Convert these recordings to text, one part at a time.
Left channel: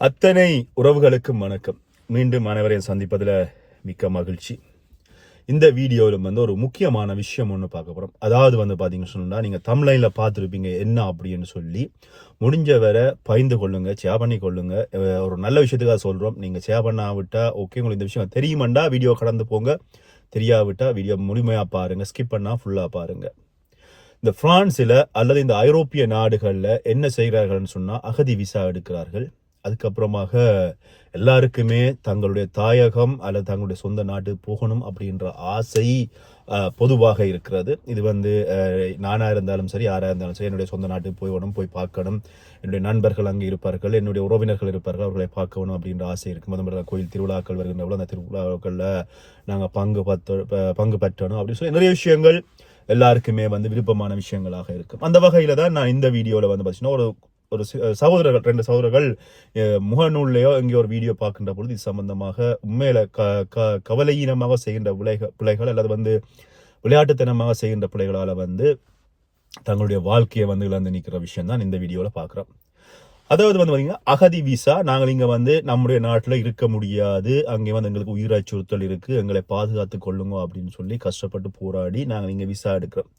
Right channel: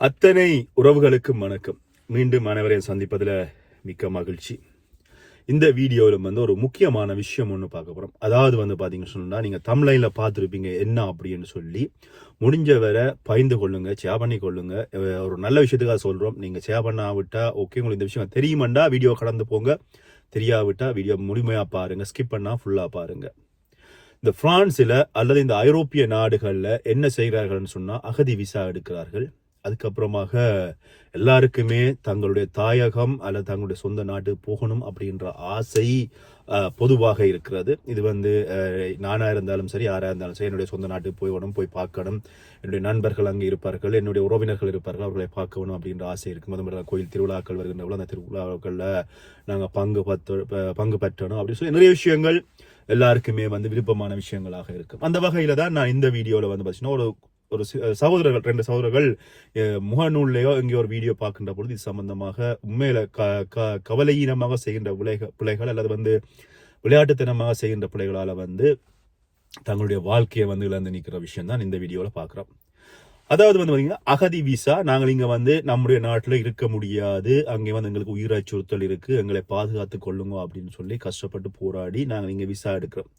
அத்தனை உறவுகளுக்கும் வணக்கம். மீண்டும் அனைவரையும் சந்திப்பதில் மிக்க மகிழ்ச்சி. இந்த வீடியோவில் வந்து ஒரு முக்கியமான விஷயம் ஒன்று பார்க்க போகிறோம் அதாவது வந்து பார்த்தீங்கன்னு சொன்னால் நீங்கள் தமிழ்லைனில் பார்த்துருப்பீங்க என்ன அப்படின்னு சொல்லி. முடிஞ்ச வரை பயந்து கொள்ளுங்க ஷேர் பண்ணி கொள்ளுங்க. ஒரு நல்ல விஷயத்துக்காக சொல்கிறோம் நீங்கள் ஷேர் பண்ணாவிட்டா ஓகே உங்களுக்கு இந்த விஷயம் தெரியுமாண்டா? வீடியோ கடந்து போங்க. தெரியாவிட்டால் வீடியோ முழுமையாக பாருங்கள் ஸ்கிப் பண்ணால் ஃபுல்லாக பாருங்கள் இந்த ஃப்ரான்ஸில் அல்லது இந்த ஐரோப்பிய நாடுகளில் என்ன செய்கிறார்கள்னு சொன்னால் அகதி விசா எடுக்கிறார்கள். அதுக்கப்புறமாக எல்லாருக்குமே தங்களுடைய தாயகம் அல்லது தங்களுடைய சொந்த நாட்டு போகணும் அப்படின்ற ஆசை பொதுவாக இருக்கிறது. இது வந்து நானாக இருந்தாலும் சரி யாராக இருந்தாலும் சரி என்னுடைய சொந்த நாட்டுக்கு போய்வணும் போய் பார்க்கணும். என்னுடைய நண்பர்கள் அங்கே இருப்பார்கள் என்னுடைய உறவினர்கள் இருப்பார்கள் அவர்களை பார்க்கணும் அப்படின்ற ஆசை இருக்கும் அது மாதிரி கோயில் திருவிழாக்கள் வருகின்ற அந்த திருவிழாக்களில் நாங்கள் பங்கு பத்து ப- பங்கு பெற்றணும் அப்படின்னு சொல்லி நிறைய விஷயங்கள் எல்லாருக்குமே வந்து விருப்பமான விஷயங்களாக இருக்கும். அந்த வகையில் தான் நான் இந்த வீடியோவில் வந்து பார்த்தீங்கன்னா ஒரு ஒரு சகோதரர்கள் ரெண்டு சகோதரர்கள் முகநூல்லையோ எங்கேயோ ஒரு வீடியோ பார்க்கின்ற பொழுது இது சம்பந்தமாக உண்மையில க க கவலையீனமாக செய்கின்ற பிள்ளைகள் பிள்ளைகள் அல்லது வந்து விளையாட்டுத்தனமாக செய்கின்ற பிள்ளைகளால் வந்து தங்களுடைய வாழ்க்கையை வந்து இழந்து நிற்கிற விஷயம் தான் இந்த வீடியோவில் பார்க்குறோம். அதாவது வந்து பார்த்தீங்கன்னா அகதி விசா நாங்கள் இங்கே வந்து நம்முடைய நாட்டில் இருக்க முடியாது அங்கே வந்து எங்களுக்கு உயிர் அச்சுறுத்தல் இருக்குது எங்களை பாதுகாத்து கொள்ளுங்க அப்படின்னு சொல்லி கஷ்டப்பட்டு போராடி நாங்கள் இங்கே விசா எடுக்கிறோம்.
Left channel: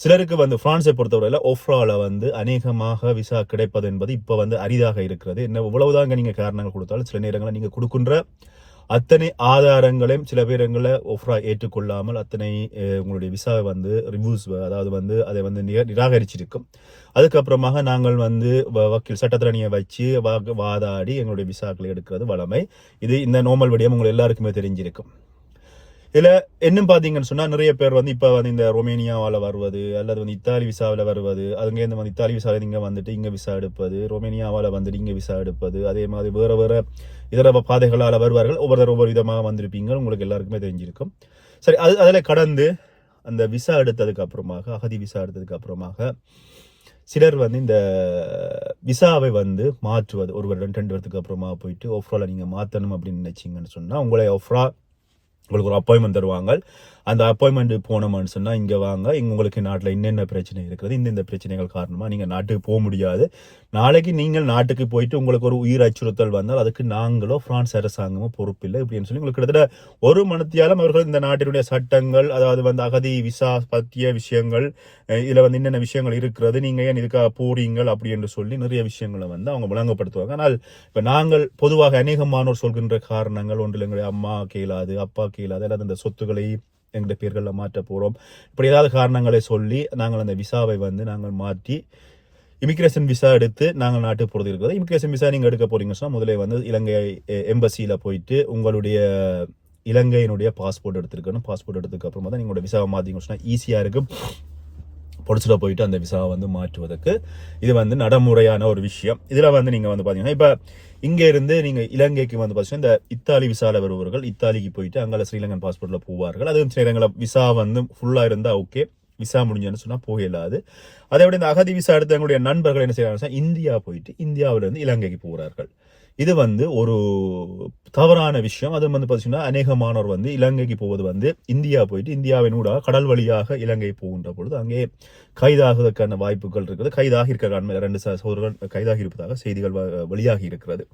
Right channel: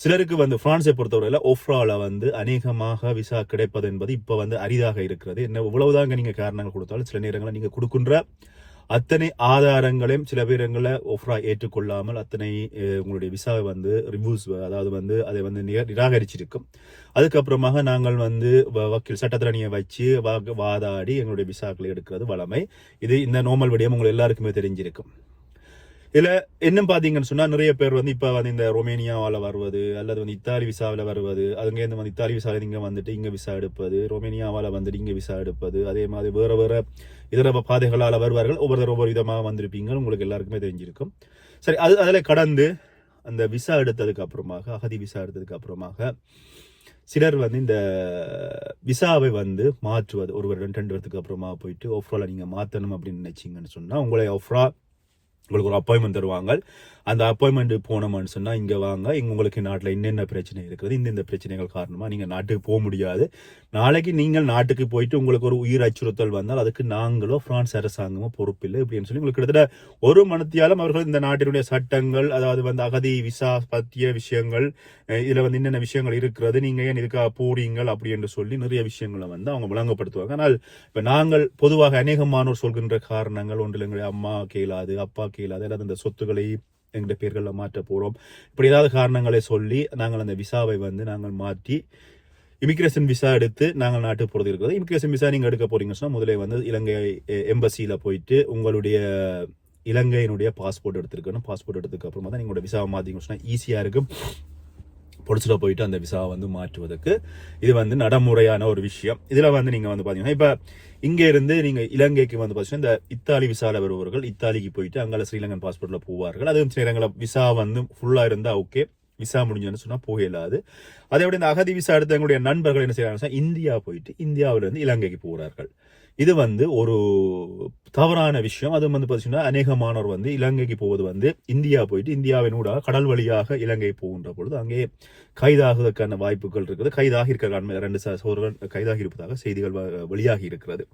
சிலருக்கு வந்து பிரான்ஸை பொறுத்தவரையில் ஒஃப்ரால வந்து அநேகமாக விசா கிடைப்பது என்பது இப்போ வந்து அரிதாக இருக்கிறது. என்ன இவ்வளவுதாங்க நீங்கள் காரணங்கள் கொடுத்தாலும் சில நேரங்களில் நீங்கள் கொடுக்கின்ற அத்தனை ஆதாரங்களையும் சில பேரங்களை ஒஃப்ரா ஏற்றுக்கொள்ளாமல் அத்தனை உங்களுடைய விசாவை வந்து ரிவ்யூஸ் அதாவது வந்து அதை வந்து நிர- நிராகரிச்சிருக்கும். அதுக்கப்புறமாக நாங்கள் வந்து வ- வக்கீல் சட்டத்திறனியை வச்சு வா- வாதாடி எங்களுடைய விசாக்களை எடுக்கிறது வளமை இது இந்த நோமல் விடயம் உங்களுக்கு எல்லாருக்குமே தெரிஞ்சிருக்கும். இதில் என்ன பார்த்தீங்கன்னு சொன்னால் நிறைய பேர் வந்து இப்போ வந்து இந்த ரொமேனியாவால் வருவது அல்லது வந்து இத்தாலி விசாவில் வருவது அதுங்கேருந்து வந்து இத்தாலி விசாவில் இங்கே வந்துட்டு இங்கே விசா எடுப்பது ரொமேனியாவால் வந்துட்டு இங்கே விசா எடுப்பது அதே மாதிரி வேறு வேறு இதர பாதைகளால் வருவார்கள். ஒவ்வொருத்தர் ஒவ்வொரு விதமாக வந்திருப்பீங்க. உங்களுக்கு எல்லாருக்குமே தெரிஞ்சிருக்கும். சரி அது அதில் கடந்து அந்த விசா எடுத்ததுக்கு அப்புறமாக அகதி விசா எடுத்ததுக்கு அப்புறமாக சிலர் வந்து இந்த விசாவை வந்து மாற்றுவது. ஒரு வருடம் ரெண்டு வருடத்துக்கு அப்புறமா போயிட்டு ஒஃப்ரால நீங்கள் மாற்றணும் அப்படின்னு நினைச்சீங்கன்னு சொன்னால் உங்களை ஒஃப்ரா உங்களுக்கு ஒரு அப்பாயின்மெண்ட் தருவாங்க. அந்த அப்பாயின்மெண்ட்டு போனோம்னு சொன்னால் இங்கே வாங்க. இங்கே உங்களுக்கு நாட்டில் என்னென்ன பிரச்சனை இருக்குது இந்த இந்த பிரச்சனைகள் காரணமாக நீங்கள் நாட்டுக்கு போக முடியாது. நாளைக்கு நீங்கள் நாட்டுக்கு போயிட்டு உங்களுக்கு ஒரு உயிர் அச்சுறுத்தல் வந்தால் அதுக்கு நாங்களோ பிரான்ஸ் அரசாங்கமோ பொறுப்பில்லை இப்படின்னு சொல்லி உங்களுக்கு கிட்டத்தட்ட ஒரு மனத்தியாலும் அவர்கள் இந்த நாட்டினுடைய சட்டங்கள் அதாவது வந்து அகதி விசா பற்றிய விஷயங்கள் இதில் வந்து என்னென்ன விஷயங்கள் இருக்கிறது நீங்கள் ஏன் இதுக்காக போறீங்கள் அப்படி என்று சொல்லி நிறைய விஷயங்களை வந்து அவங்க விளங்கப்படுத்துவாங்க. ஆனால் இப்போ நாங்கள் பொதுவாக அநேகமானோர் சொல்கின்ற காரணங்கள் ஒன்றில் எங்களுடைய அம்மா கேளாது அப்பா கேளாது அல்லது அந்த சொத்துக்களை எங்களுடைய பேர்களில் மாற்ற போகிறோம் இப்படி ஏதாவது காரணங்களை சொல்லி நாங்கள் அந்த விசாவை வந்து நாங்கள் மாற்றி இமிகிரேஷன் விசா எடுத்து நாங்கள் நாட்டுக்கு போகிறது இருக்கிறது இமிகிரேஷன் விசா நீங்கள் எடுக்க போகிறீங்கன்னா முதலே வந்து இலங்கை எம்பசியில் போயிட்டு உங்களுடைய இலங்கையினுடைய பாஸ்போர்ட் எடுத்துருக்கணும். பாஸ்போர்ட் எடுத்ததுக்கு அப்புறமா தான் நீங்களோட விசாவை மாற்றிங்க சொன்னால் ஈஸியாக இருக்கும். பொடிச்சில் போயிட்டு அந்த விசாவை வந்து மாற்றுவதற்கு இது வந்து நடைமுறையான ஒரு விஷயம். இதில் வந்து நீங்கள் வந்து பார்த்தீங்கன்னா இப்போ இங்கேருந்து நீங்கள் இலங்கைக்கு வந்து பார்த்தீங்கன்னா இந்த இத்தாலி விசாவில் வருபவர்கள் இத்தாலிக்கு போயிட்டு அங்கே ஸ்ரீலங்கன் பாஸ்போர்ட்டில் போவார்கள். அதுவும் சில விசா வந்து ஃபுல்லாக இருந்தால் ஓகே விசா முடிஞ்சுன்னு சொன்னால் போக இயலாது அதை விட இந்த அகதி விசா எடுத்த எங்களுடைய நண்பர்கள் என்ன செய்கிறாங்க இந்தியா போயிட்டு இந்தியாவிலிருந்து இலங்கைக்கு போகிறார்கள் இது வந்து ஒரு தவறான விஷயம். அது வந்து பார்த்தீங்கன்னா அநேகமானோர் வந்து இலங்கைக்கு போவது வந்து இந்தியா போயிட்டு இந்தியாவின் ஊடாக கடல் வழியாக இலங்கை போகின்ற பொழுது அங்கே கைதாகுவதற்கான வாய்ப்புகள் இருக்குது. கைதாக இருக்க ரெண்டு சகோதரர்கள் கைதாகி இருப்பதாக செய்திகள் வ- வெளியாகி இருக்கிறது.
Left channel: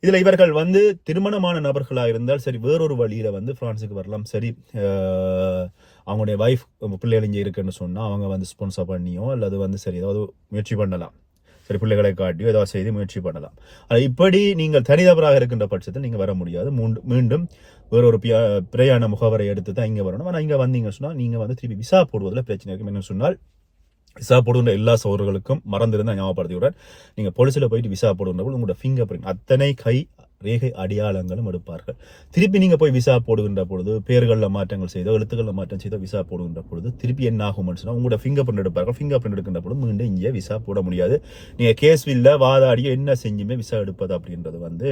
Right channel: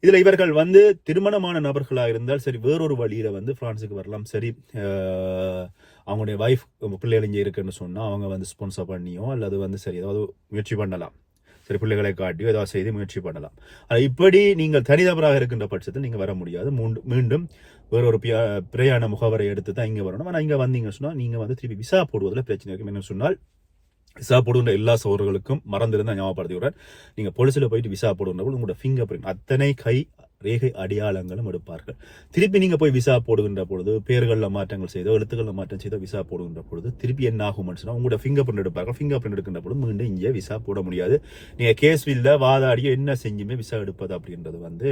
இதில் இவர்கள் வந்து திருமணமான நபர்களாக இருந்தால் சரி வேறொரு வழியில் வந்து ஃப்ரான்ஸுக்கு வரலாம். சரி அவங்களுடைய வைஃப் பிள்ளைகள் இங்கே இருக்குன்னு சொன்னால் அவங்க வந்து ஸ்பான்சர் பண்ணியோ அல்லது வந்து சரி ஏதாவது முயற்சி பண்ணலாம். சரி பிள்ளைகளை காட்டியோ ஏதாவது செய்து முயற்சி பண்ணலாம். ஆனால் இப்படி நீங்கள் தனிநபராக இருக்கின்ற பட்சத்தில் நீங்கள் வர முடியாது. மூண்டு மீண்டும் வேற ஒரு பிரயாண முகவரை எடுத்து தான் இங்கே வரணும். ஆனால் இங்கே வந்தீங்கன்னு சொன்னால் நீங்கள் வந்து திருப்பி விசா போடுவதில் பிரச்சனை இருக்கும். என்ன சொன்னால் விசா போடுகின்ற எல்லா சோழர்களுக்கும் ஞாபகப்படுத்தி விடுறேன் நீங்கள் போலீஸில் போயிட்டு விசா போடுகின்ற உங்களோட ஃபிங்கர் பிரிண்ட் அத்தனை கை ரேகை அடையாளங்களும் எடுப்பார்கள். திருப்பி நீங்கள் போய் விசா போடுகின்ற பொழுது பேர்களில் மாற்றங்கள் செய்தோ எழுத்துக்களில் மாற்றம் செய்தோ விசா போடுகின்ற பொழுது திருப்பி என்ன ஆகும் சொன்னால் உங்களோட ஃபிங்கர் பிரிண்ட் எடுப்பார்கள். ஃபிங்கர் பிரிண்ட் எடுக்கின்ற பொழுது மீண்டும் இங்கே விசா போட முடியாது. நீங்கள் கேஸ் வில்ல வாதாடியோ என்ன செஞ்சுமே விசா எடுப்பது அப்படின்றது வந்து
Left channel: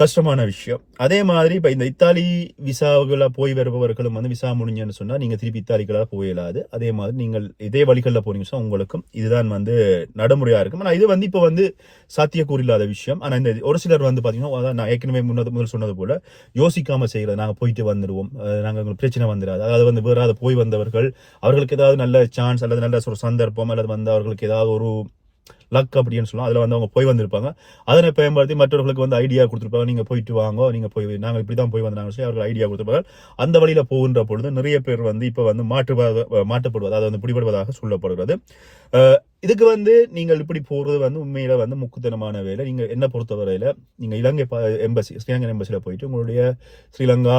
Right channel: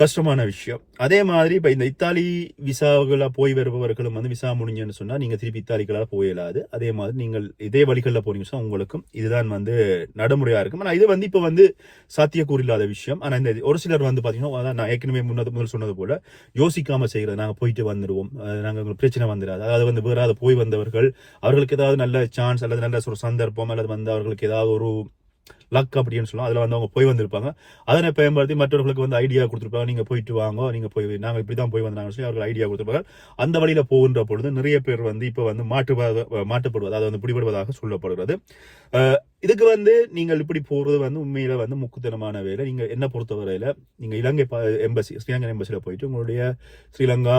கஷ்டமான விஷயம். அதே மாதிரி இப்போ இந்த இத்தாலி விசாவுகளாக போய் வருபவர்களும் வந்து விசா முடிஞ்சுன்னு சொன்னால் நீங்கள் திருப்பி இத்தாலிக்களாக போயிடாது அதே மாதிரி நீங்கள் இதே வழிகளில் போனீங்கன்னா உங்களுக்கும் இதுதான் வந்து நடைமுறையாக இருக்கும். ஆனால் இது வந்து இப்போ வந்து சாத்தியக்கூறு இல்லாத விஷயம். ஆனால் இந்த ஒரு சிலர் வந்து பார்த்தீங்கன்னா அதான் நான் ஏற்கனவே முன்னது முதல் சொன்னது போல யோசிக்காமல் செய்கிறது நாங்கள் போயிட்டு வந்துடுவோம் நாங்கள் உங்களுக்கு பிரச்சனை வந்துடாது அதாவது வந்து வேற போய் வந்தவர்கள் அவர்களுக்கு ஏதாவது நல்ல சான்ஸ் அல்லது நல்ல ஒரு சந்தர்ப்பம் அல்லது வந்து அவர்களுக்கு ஏதாவது ஒரு லக் அப்படின்னு சொல்லலாம். அதில் வந்து அவங்க போய் வந்திருப்பாங்க. அதனை பயன்படுத்தி மற்றவர்களுக்கு வந்து ஐடியா கொடுத்துருப்பாங்க. நீங்கள் போயிட்டு வாங்க நீங்கள் போய் நாங்கள் இப்படி தான் போய் வந்தாங்க சொல்லி அவர்கள் ஐடியா கொடுத்துருப்பாங்க அந்த வழியில் போகின்ற பொழுது நிறைய பேர் வந்து இப்போ வந்து மாட்டு மாட்டுப்படுவது அதை வந்து பிடிபடுவதாக சொல்லப்படுகிறது. இதுக்கு வந்து நீங்கள் இப்படி போகிறது வந்து உண்மையில் வந்து முக்குத்தனமான வேலை. நீங்கள் என்ன பொறுத்தவரையில் நீங்கள் இலங்கை எம்பசி ஸ்ரீலங்கன் எம்பசியில் போயிட்டு உங்களுடைய ஸ்ரீலங்கா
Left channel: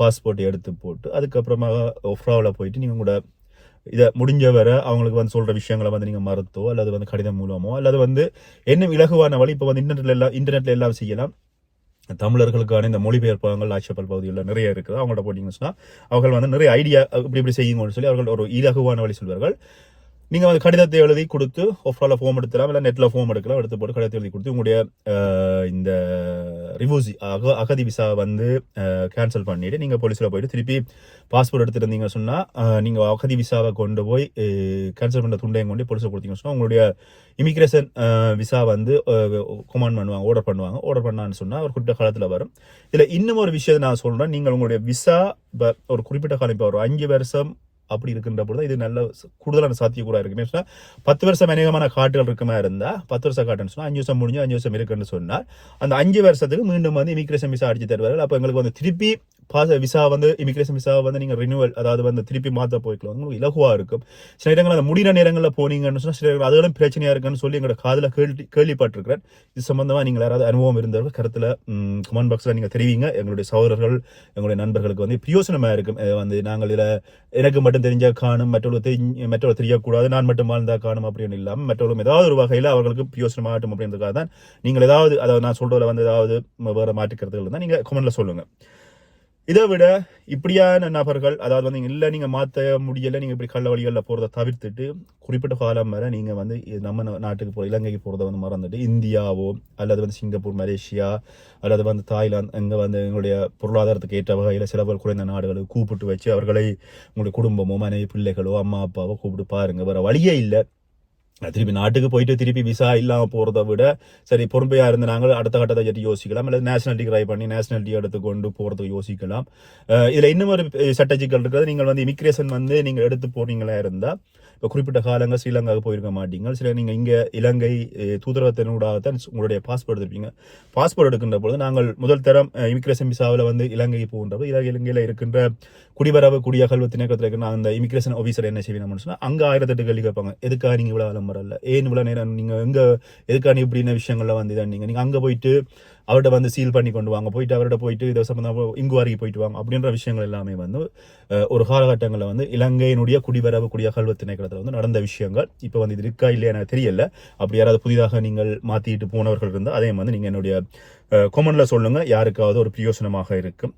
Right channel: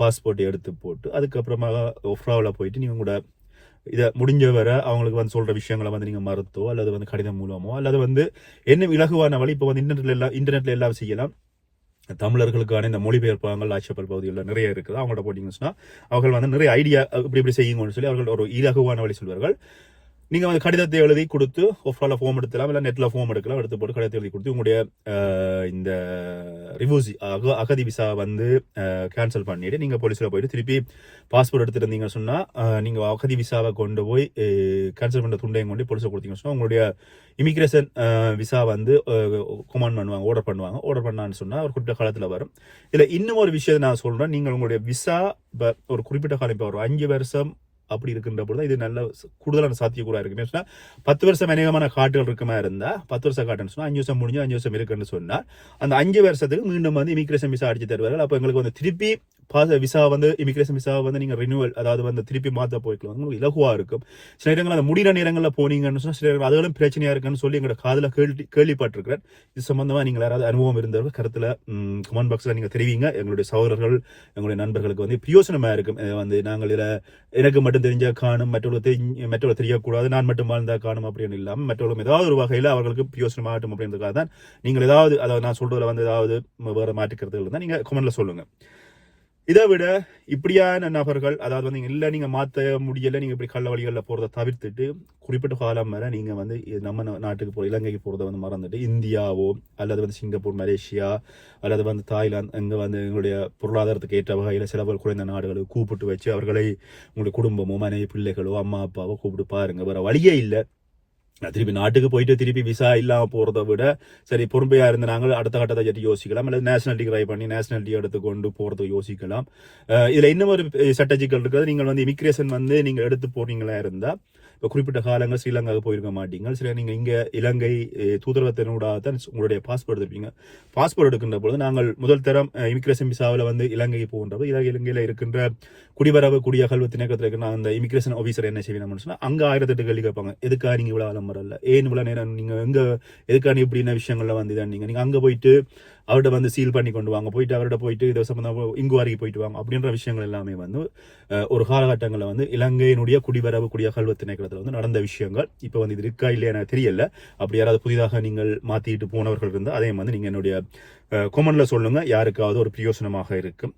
பாஸ்போர்ட் எடுத்து போட்டு அதுக்கப்புறமா ஒஃப்ராவில் போயிட்டு நீங்கள் உங்களோட இதை முடிஞ்ச வரை அவங்களுக்கு வந்து சொல்கிற விஷயங்களை வந்து நீங்கள் மறுத்தோ அல்லது வந்து கடிதம் மூலமோ அல்லது வந்து என்ன இலகுவான வழி இப்போ வந்து இன்டர்நெட்டில் எல்லாம் இன்டர்நெட்டில் எல்லாம் செய்யலாம். தமிழர்களுக்கான இந்த மொழிபெயர்ப்பாங்கள் ஆட்சியப்பல் பகுதிகளில் நிறைய இருக்குது. அவங்கள்ட்ட போட்டிங்கன்னு சொன்னால் அவர்கள் வந்து நிறைய ஐடியா இப்படி இப்படி செய்யுங்கன்னு சொல்லி அவர்கள் ஒரு இலகுவான வழி சொல்வார்கள். நீங்கள் வந்து கடிதத்தை எழுதி கொடுத்து ஒஃப்ரால ஃபோம் எடுக்கலாம் இல்லை நெட்டில் ஃபோம் எடுக்கலாம் எடுத்து போட்டு கடிதத்தை எழுதி கொடுத்து உங்களுடைய இந்த ரிவூசி அக அகதி விசா வந்து கேன்சல் பண்ணிவிட்டு நீங்கள் போலீஸில் போயிட்டு திருப்பி பாஸ்போர்ட் எடுத்துருந்தீங்க சொன்னால் நீங்கள் அகதி விசாவை கொண்டு போய் கேன்சல் பண்ணுற துண்டையும் கொண்டு போலீஸில் கொடுத்தீங்கன்னு சொன்னால் உங்களுடைய இமிகிரேஷன் விசா வந்து கொமாண்ட் பண்ணுவாங்க ஆர்டர் பண்ணுவாங்க. ஆர்டர் பண்ணான்னு சொன்னால் ஒரு குறிப்பிட்ட காலத்தில் வரும். இதில் இன்னும் ஒரு விஷயத்தை நான் சொல்கிறேன் நீங்கள் உங்களுடைய விசா ஒரு குறிப்பிட்ட காலம் இப்போ ஒரு அஞ்சு வருஷம் அப்படி இருக்கின்ற பொழுது இது நல்ல கூடுதலான சாத்தியக்கூறா இருக்கு சொன்னா பத்து வருஷம் அநேகமான காட்டுகள் இருக்குமா இருந்தால் பத்து வருஷம் காட்டுன்னு சொன்னால் அஞ்சு வருஷம் முடிஞ்சு அஞ்சு வருஷம் இருக்குன்னு சொன்னால் அந்த அஞ்சு வருஷத்துக்கு மீண்டும் வந்து இமிக்ரேஷன் விசா அடிச்சு தருவார்கள். அப்போ எங்களுக்கு வந்து திருப்பி பாஸ் விசா வந்து இமிக்ரேஷன் விசா வந்து நீங்கள் ரினியூவல் அதாவது வந்து திருப்பி மாற்ற போய்க்கலாம். உங்களுக்கு இலகுவாக இருக்கும். சில இடங்கள் அந்த முடிகிற நேரங்களில் போனீங்கன்னு சொன்னால் சில இடங்கள் அதுகளும் பிரச்சனையாக இருக்குன்னு சொல்லி எங்களோட காதில் கேள்வி கேள்விப்பட்டிருக்கிறேன். இது சம்மந்தமாக நீங்கள் யாராவது அனுபவம் இருந்தவர்கள் கருத்தில் கமெண்ட் பாக்ஸில் நீங்கள் தெரிவிங்க. எங்களுடைய சகோதரர்கள் எங்களுடைய நண்பர்களுக்கு வந்து பிரயோசனமாக இருக்கும். வந்து நாங்கள் இதில் எனக்கு மட்டும் தெரிஞ்சால் காணும் மற்றவர்கள் தெரிஞ்சு மற்றவர்கள் தெரியக்கூடாது நான் மட்டும் வாழ்ந்தால் காணும் அப்படின்னு இல்லாமல் மற்றவர்களும் ஏதாவது ஒரு வகையில் அவர்களுக்கு பிரயோசனமாகட்டும் அப்படின்றதுக்காக தான் நீங்கள் ஏதாவது அதாவது நான் சொல்கிறதில் வந்து ஏதாவது வேறு மாற்றுக்கிறதுகள் இருந்தால் நீங்கள் கமெண்ட்டில் சொல்லுங்கள் இதை விட இப்படியான நபர்கள் அதாவது வந்து இல்லை நீங்கள் மாற்ற முடியலை முடியல இப்படி கள்ள வழிகளில் போகிறத தவிர்த்துட்டு குறிப்பிட்ட காலம் வரை நீங்கள் வந்து இது நம்ம நாட்டுக்கு போகிற இலங்கைக்கு போகிறத வந்து மறந்துட்டு இந்தியாவோ அல்லது வந்து சிங்கப்பூர் மலேசியா அல்லது வந்து தாய்லாந்து இங்கே வந்து எங்களுடைய பொருளாதாரத்துக்கு ஏற்ற வகையில் செலவுகள் குறைந்த நாடுகளுக்கு கூப்பிட்டு வச்சு அவர்களை உங்களுடைய குடும்பமோ மனைவி பிள்ளைகளோ அம்மா அப்பாவோ கூப்பிட்டு பாருங்க. வேறு வழியே இல்லை. திருப்பி நாட்டுக்கு போயிட்டு திருப்பி விசா இல்லாமல் போகிறத விட சரி பொறுமையாக இருந்து நாங்கள் அடுத்த கட்டத்தை பற்றி யோசிக்கலாம். அல்லது நேஷனாலிட்டி ட்ரை பண்ணி நேஷனாலிட்டி எடுத்து கொண்டு போகிறதுக்கு யோசிக்கலாம். இதில் இன்னும் ஒரு சட்டச்சிக்கல் இருக்கிறது. நீங்கள் வந்து இமிக்ரேஷன் வந்து நீங்கள் எடுத்து போனீங்களா இருந்தால் இப்போ குறிப்பிட்ட காலங்கள் ஸ்ரீலங்காவுக்கு போயிருக்க மாட்டீங்க. சில நீங்கள் இங்கே இலங்கை அஹ், தூதரகத்தினூடாக தான் உங்களுடைய பாஸ்போர்ட் எடுப்பீங்க பாஸ்போர்ட் எடுக்கின்ற பொழுது நாங்கள் முதல் தரம் இமிக்ரேஷன் விசாவில் வந்து இலங்கைக்கு போகின்ற போது இலங்கையில் இருக்கின்ற குடிவரவு குடியகல்வு திணக்கத்தில் இருக்கிற அந்த இமிக்ரேஷன் ஆஃபீஸர் என்ன செய்வீங்கன்னு சொன்னால் அங்கே ஆயிரத்தெட்டு கேள்வி கேட்பாங்க. எதுக்காக நீங்கள் இவ்வளோ ஆலம் இல்லை ஏன் இவ்வளோ நேரம் நீங்கள் எங்கே எதுக்காக நீ இப்படின விஷயங்களில் வந்து இதான் நீங்கள் நீங்கள் அங்கே போயிட்டு அவர்கிட்ட வந்து சீல் பண்ணி கொண்டு வாங்க. போயிட்டு அவர்கிட்ட போயிட்டு இதை சம்பந்தமாக இங்குவாரிக்கு போயிட்டு வாங்க அப்படின்ற விஷயங்கள் எல்லாமே வந்து ஒரு காலகட்டங்களில் வந்து இலங்கையினுடைய குடிவரவு குடியகல்வு திணைக்களத்தில் வந்து நடந்த விஷயங்கள். இப்போ வந்து இது இருக்கா இல்லையா எனக்கு தெரியல. அப்படி யாராவது புதிதாக நீங்கள் மாற்றிட்டு போனவர்கள் இருந்தால் அதே வந்து நீங்கள் என்னுடைய கொமனில் சொல்லுங்கள் யாருக்காவது ஒரு பிரயோசனமாக இருக்கும்.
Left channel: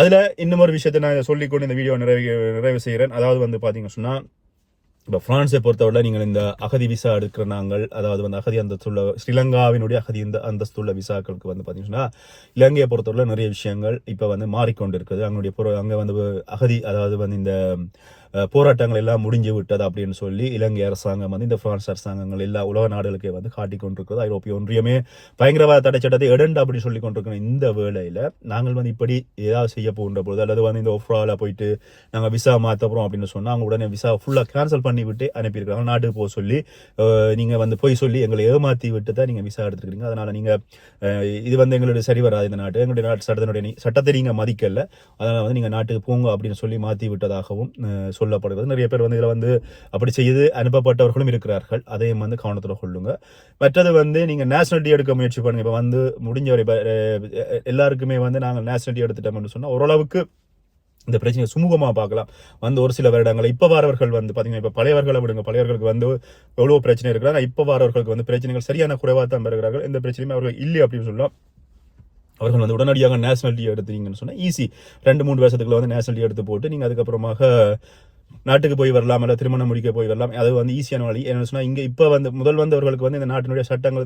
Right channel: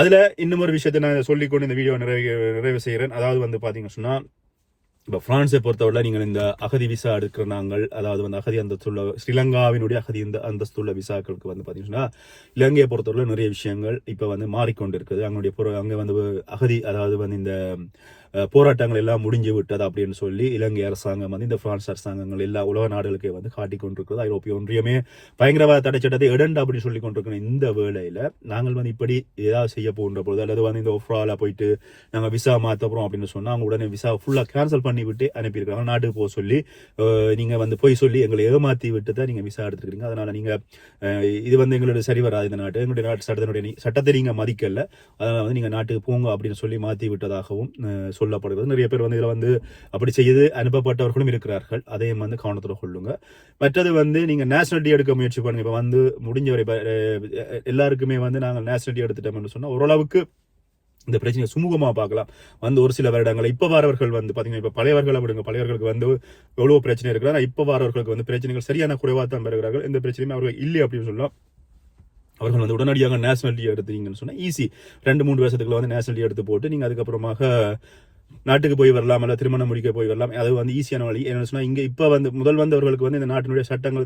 அதில் இன்னும் ஒரு விஷயத்தை நான் இதை சொல்லிக்கொண்டு இந்த வீடியோ நிறைவு நிறைவு செய்கிறேன் அதாவது வந்து பார்த்தீங்கன்னு சொன்னால் இப்போ ஃப்ரான்ஸை பொறுத்தவரை நீங்கள் இந்த அகதி விசா எடுக்கிற நாங்கள் அதாவது வந்து அகதி அந்தஸ்துள்ள ஸ்ரீலங்காவினுடைய அகதி இந்த அந்தஸ்துள்ள விசாக்களுக்கு வந்து பார்த்தீங்கன்னா இலங்கையை பொறுத்தவரை நிறைய விஷயங்கள் இப்போ வந்து மாறிக்கொண்டு இருக்குது அங்களுடைய அங்கே வந்து அகதி அதாவது வந்து இந்த போராட்டங்கள் எல்லாம் முடிஞ்சு விட்டது அப்படின்னு சொல்லி இலங்கை அரசாங்கம் வந்து இந்த பிரான்ஸ் அரசாங்கங்கள் எல்லா உலக நாடுகளுக்கே வந்து காட்டிக் கொண்டிருக்கிறது. ஐரோப்பிய ஒன்றியமே பயங்கரவாத தடை சட்டத்தை இடண்டு அப்படின்னு சொல்லி கொண்டிருக்கிற இந்த வேளையில நாங்கள் வந்து இப்படி ஏதாவது செய்ய போகின்ற பொழுது அல்லது வந்து இந்த ஒஃப்ரால போயிட்டு நாங்கள் விசா மாற்ற போகிறோம் அப்படின்னு சொன்னா அவங்க உடனே விசா ஃபுல்லாக கேன்சல் பண்ணி விட்டு அனுப்பியிருக்காங்க நாட்டுக்கு போக சொல்லி நீங்கள் நீங்க வந்து போய் சொல்லி எங்களை ஏமாத்தி விட்டு தான் நீங்க விசா எடுத்துருக்கீங்க அதனால நீங்க இது வந்து எங்களுடைய சரி வராது இந்த நாட்டு. எங்களுடைய நாட்டு சட்டத்தினுடைய சட்டத்தை நீங்க மதிக்கல. அதனால வந்து நீங்க நாட்டுக்கு போங்க அப்படின்னு சொல்லி மாத்தி விட்டதாகவும் சொல்லி சொல்லப்படுகிறது நிறைய பேர் வந்து இதில் வந்து அப்படி செய்து அனுப்பப்பட்டவர்களும் இருக்கிறார்கள். அதையும் வந்து கவனத்தில் கொள்ளுங்க. மற்றது வந்து நீங்கள் நேஷனலிட்டி எடுக்க முயற்சி பண்ணுங்க. இப்போ வந்து முடிஞ்ச வரை எல்லாருக்குமே வந்து நாங்கள் நேஷனலிட்டி எடுத்துட்டோம்னு சொன்னால் ஓரளவுக்கு இந்த பிரச்சனையை சுமூகமாக பார்க்கலாம். வந்து ஒரு சில வருடங்கள் இப்போ வரவர்கள் வந்து பார்த்தீங்கன்னா இப்போ பழையவர்களை விடுங்க. பழையவர்களுக்கு வந்து எவ்வளோ பிரச்சனை இருக்கிறாங்க இப்போ இப்ப வரவர்களுக்கு வந்து பிரச்சனைகள் சரியான குறைவாக தான் பெறுகிறார்கள் இந்த பிரச்சனையுமே அவர்கள் இல்லை அப்படின்னு சொல்லலாம் அவர்கள் வந்து உடனடியாக நேஷனாலிட்டி எடுத்தீங்கன்னு சொன்னால் ஈஸி. ரெண்டு மூணு வருஷத்துக்குள்ள வந்து நேஷனாலிட்டி எடுத்து போட்டு நீங்கள் அதுக்கப்புறமாக நாட்டுக்கு போய் வரலாம் இல்லை திருமணம் முடிக்க போய் வரலாம். அது வந்து ஈஸியான வழி. என்ன சொன்னால் இங்கே இப்போ வந்து முதல் வந்தவர்களுக்கு வந்து இந்த நாட்டினுடைய சட்டங்கள்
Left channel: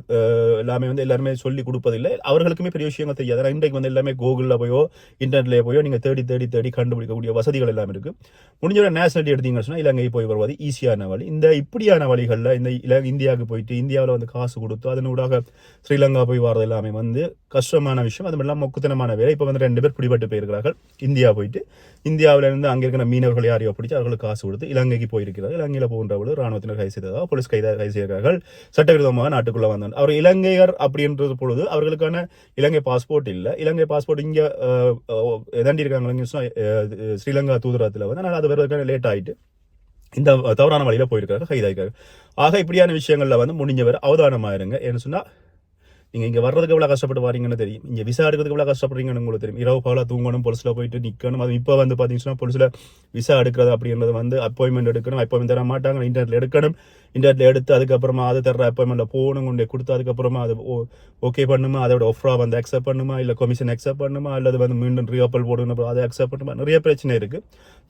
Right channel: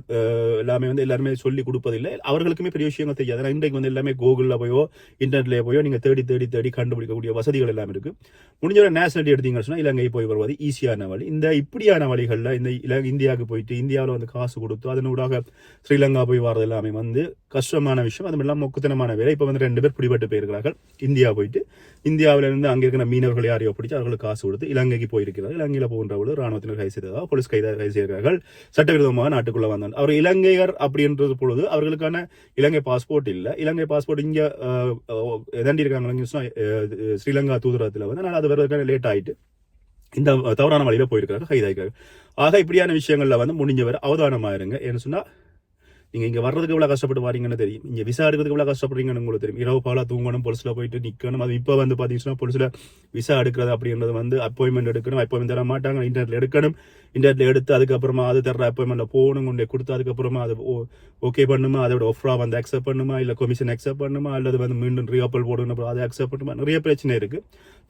எல்லாமே வந்து எல்லாருமே சொல்லி கொடுப்பதில்லை. அவர்களுக்குமே பெரிய விஷயங்கள் தெரியாது. ஆனால் இன்றைக்கு வந்து எல்லாமே கூகுளில் போயோ இன்டர்நெட்லேயே போயோ நீங்கள் தேடி தேடி தேடி கண்டுபிடிக்கக்கூடிய வசதிகள் எல்லாம் இருக்குது முடிஞ்சவரை நேஷனாலிட்டி எடுத்தீங்கன்னு சொன்னால் இலங்கை போய் வருவது ஈஸியான வழி. இந்த இப்படியான வழிகளில் இந்த இல இந்தியாவுக்கு போயிட்டு இந்தியாவில் வந்து காசு கொடுத்து அதனூடாக ஸ்ரீலங்கா போய் வரது எல்லாமே வந்து கஷ்டமான விஷயம். அது இல்லாமல் மொக்குத்தனமான வேலை. இப்போ வந்து ரெண்டு பேர் பிடிபட்டு போயிருக்கிறார்கள். இந்தியா போயிட்டு இந்தியாவிலிருந்து அங்கே இருக்கிற மீனவர்கள் யாரையோ பிடிச்சி அவர்களுக்கு காசு கொடுத்து இலங்கைக்கு போயிருக்கிறார்கள். இலங்கையில் போகின்றவர்கள் ராணுவத்தினர் கைது செய்ததாக போலீஸ் கைது கைது செய்கிறார்கள். சட்டவிரோதமாக நாட்டுக்குள்ளே வந்தாங்க அவர் இலங்கையர் அப்படின்றது பொழுது அவர்களுக்கான இலங்கை பாஸ்போர்ட் இல்லை. இலங்கை பாஸ்போர்ட் இங்கே எதாண்டி இருக்காங்க ஸ்ரீலங்கா தூதரத்தில் வந்து. அதனால் அது வருவதற்கான லேட் ஆயிட்டு இந்த தவறான வழியில் போயிருக்காங்க கைதாயிருக்காங்க ஆக இப்படியான விஷயங்களில் வந்து முடிஞ்சவர் அவதானமாக இருங்க ஏன்னு சொன்னால் நீங்கள் இங்கே வர்றதுக்கு எவ்வளோ கஷ்டப்பட்டு வாரீங்கன்னு தெரியும். இங்கே விசா எடுக்கிறதுக்கு எவ்வளோ கஷ்டப்படுறீங்கன்னு உங்களுக்கு தெரியும். இரவு பகலாக தூங்கணும் பொலிசில் போயிட்டு நிற்கணும் அது இப்போ வந்து பார்த்தீங்கன்னா பொலிசில் விசா எடுக்கிறது அப்படின்றது வந்து அப்பாயின்மெண்ட் எடுக்கணும். அப்பாயின்மெண்ட் தர மாட்டாங்க இன்டர்நெட்டில் எடுக்கணும். இன்டர்நெட்ல எடுத்து அதுக்கப்புறமா அது தர்ற அப்பாயின்மெண்ட்ல போகணும் கொண்டு கொடுத்து அதுக்கப்புறமா அது ஓகே பண்ணுமா? அதோட ஒஃப்ரா வந்து அக்செப்ட் பண்ணுமா? இல்ல கமிஷன் அக்செப்ட் பண்ணுமா? அல்லது வந்து மீண்டும் ரீஅப்பல் போடணும் அதை அக்செப்ட் பண்ணுமா? நிறைய பிரச்சனை இருக்கு.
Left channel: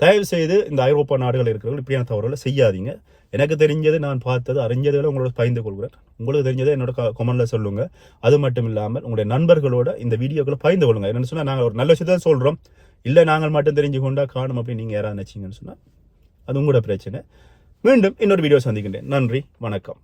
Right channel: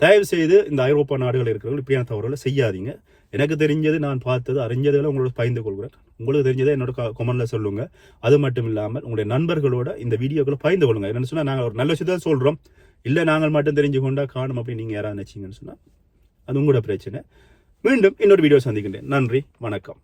தயவு செய்து இந்த ஐரோப்பா நாடுகள் இருக்கிறவங்க இப்படியான தவறுகளை செய்யாதீங்க. எனக்கு தெரிஞ்சது நான் பார்த்தது அறிஞ்சதுல உங்களோட பகிர்ந்து கொள்கிறேன். உங்களுக்கு தெரிஞ்சதை என்னோட கொமெண்ட்ல சொல்லுங்கள் அது மட்டும் இல்லாமல் உங்களுடைய நண்பர்களோட இந்த வீடியோக்களை பகிர்ந்து கொள்ளுங்க. என்னன்னு சொன்னால் நாங்கள் ஒரு நல்ல விஷயத்தை சொல்கிறோம் இல்லை நாங்கள் மட்டும் தெரிஞ்சு கொண்டா காணும் அப்படின்னு நீங்கள் யாராவது நினச்சிங்கன்னு சொன்னால் அது உங்களோட பிரச்சனை. மீண்டும் இன்னொரு வீடியோ சந்திக்கின்றேன். நன்றி வணக்கம்.